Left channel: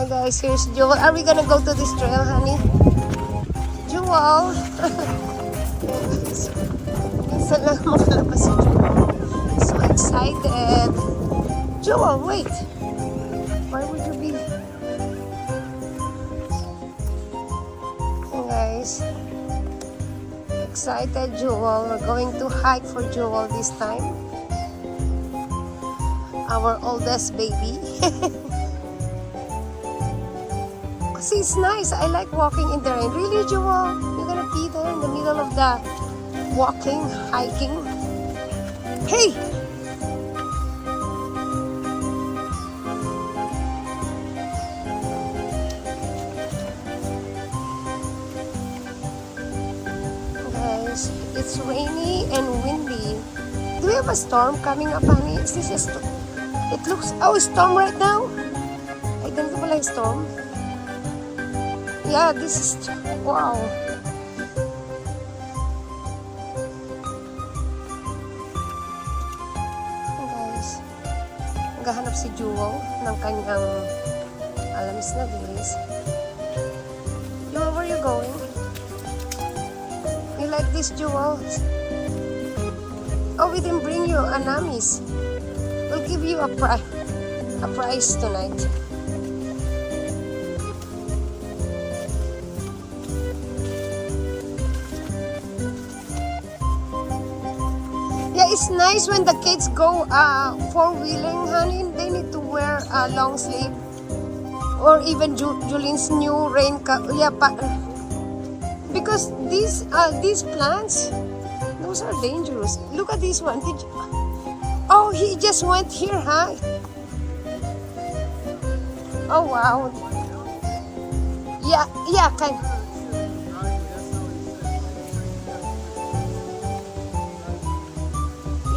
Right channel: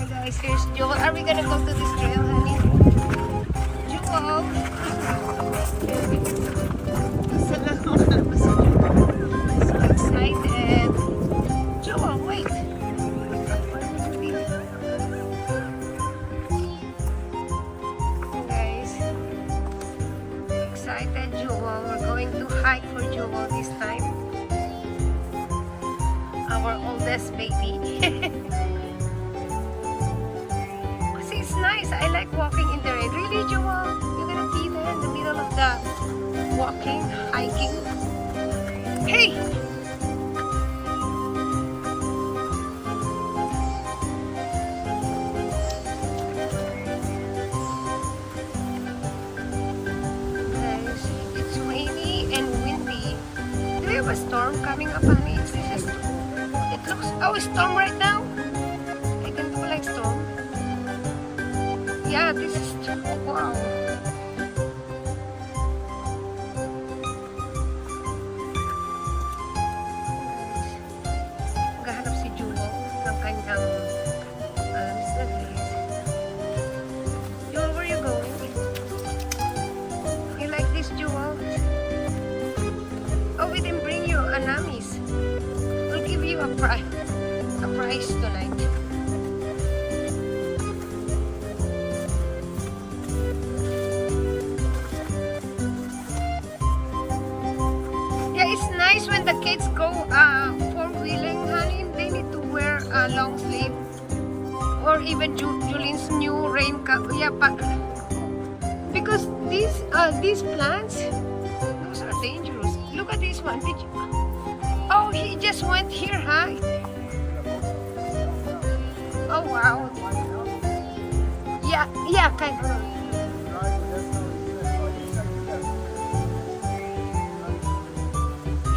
Hi guys, here's Jewel. Are we gonna go to this trail, honey? Jewel! Isa lang makalabas si Jewel. So excited. Jewel, wait! Where would you be? Hey guys. Excited, Jewel. We're going to hike for Jewel this time. Our oldest baby. Kasi it's nice. I like walking in the rain. Really, Jewel? You're gonna be there in the middle of the walking, hiking? Hey! Guys, it's rainy and windy. Do we have a storm coming up, honey? Is this a storm? It looks... Oh, a storm right now? Ay, ganito pala yung storm. Yeah, this is... Wow. Guys, naghahanap si Jewel ng kanyang alamis na bilis. Jewel, where you going? You like this, Jewel? Oh, we didn't bring you an amis. We'll give you a prize tonight. Yeah, it's nice when the kids go four-wheeling, honey. They need to wear a long sleeve, or even Julian's new raincoat. Yeah, because these plants, those are dangerous. Look at this one. Oh, he just went here, huh? Oh, wow. Yeah, kind of.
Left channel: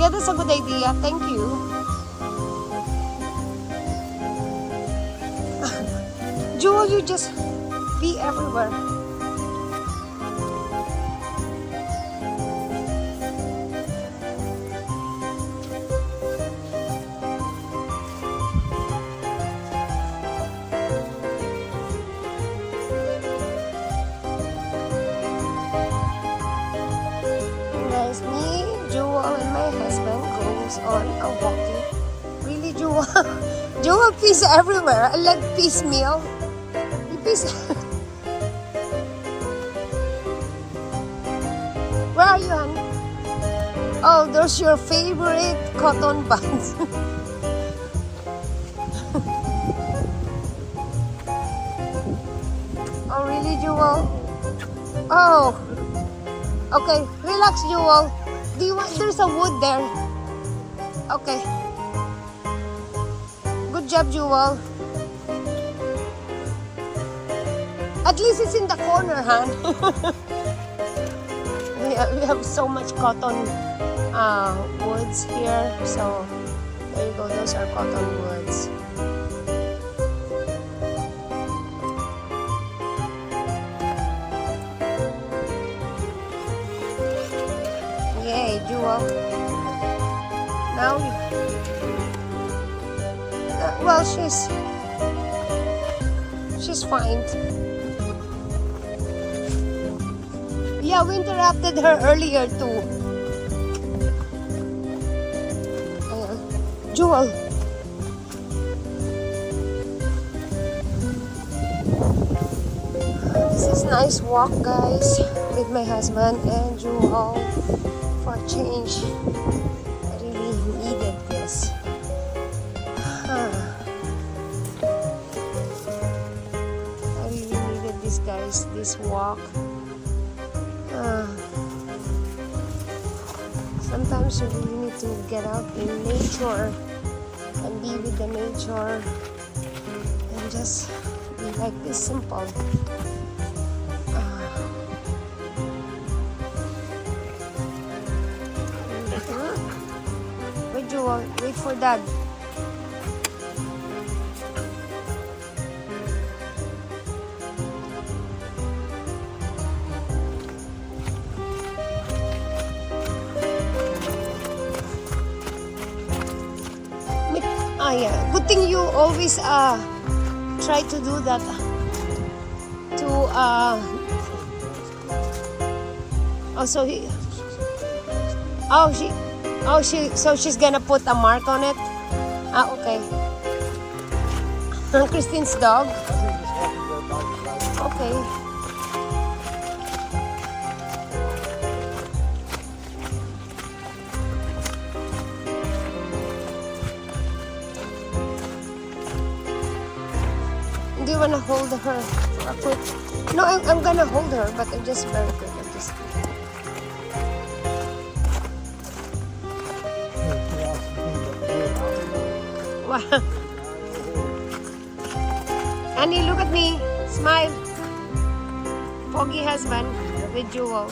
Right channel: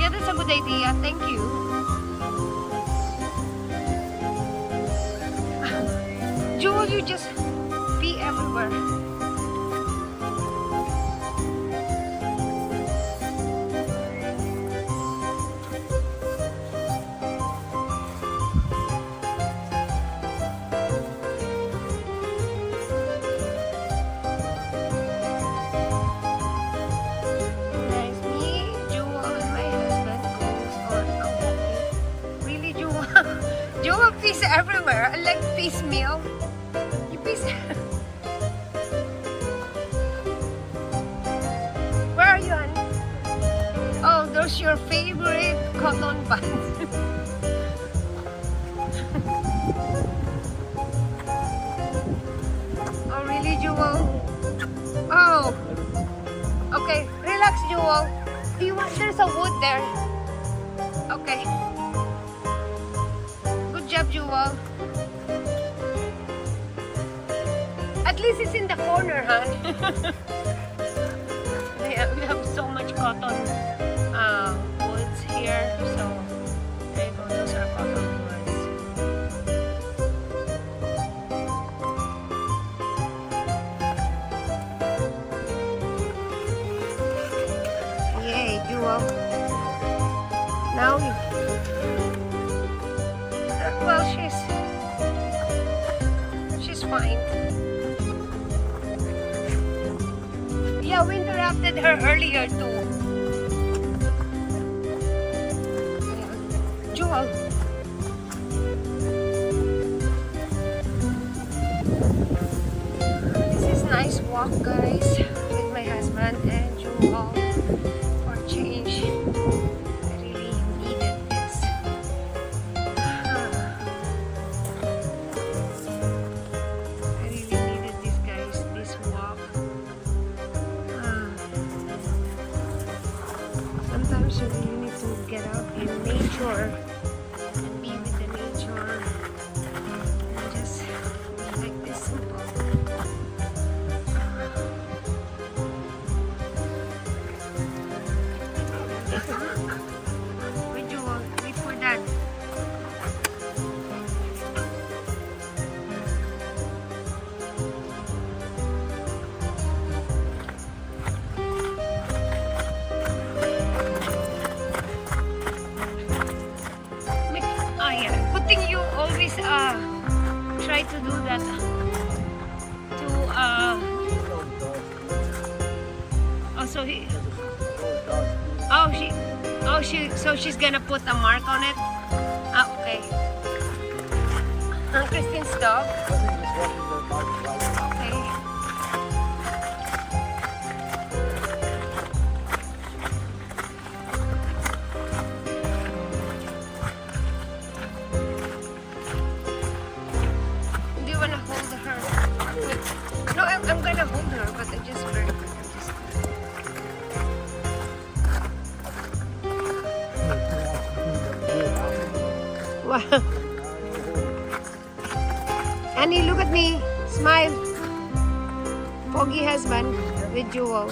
Yeah, that's a good idea. Thank you. Jewel, you just be everywhere. Jewel pees everywhere. I like peace meal. You pees. Where are you, honey? Oh, those your favorite cotton buds. Oh, really, Jewel? Oh. Okay, relax, Jewel. Do you want? There's a wood there. Okay. Good job, Jewel. At least it's in the corner, hon. We have so much cotton woods here. So, there you go. Those are cotton woods. Yay, Jewel. Now you... well, she's fine. Yeah, we interrupted her earlier too. Jewel. This is nice walk, guys, with my husband and Jewel for change. This walk. Sometimes you really need to get out in nature and be with the nature and just be like this simple. Wait, Jewel, wait for Dad. Yeah. Good thing you always try to do that. To so she's gonna put a mark on it. Okay. Christine's dog. Okay. Do you wanna hold her? No, I'm gonna hold her, but I just very good. I just. Wow. Annie, look at me. Smile. Foggy husband with jewel.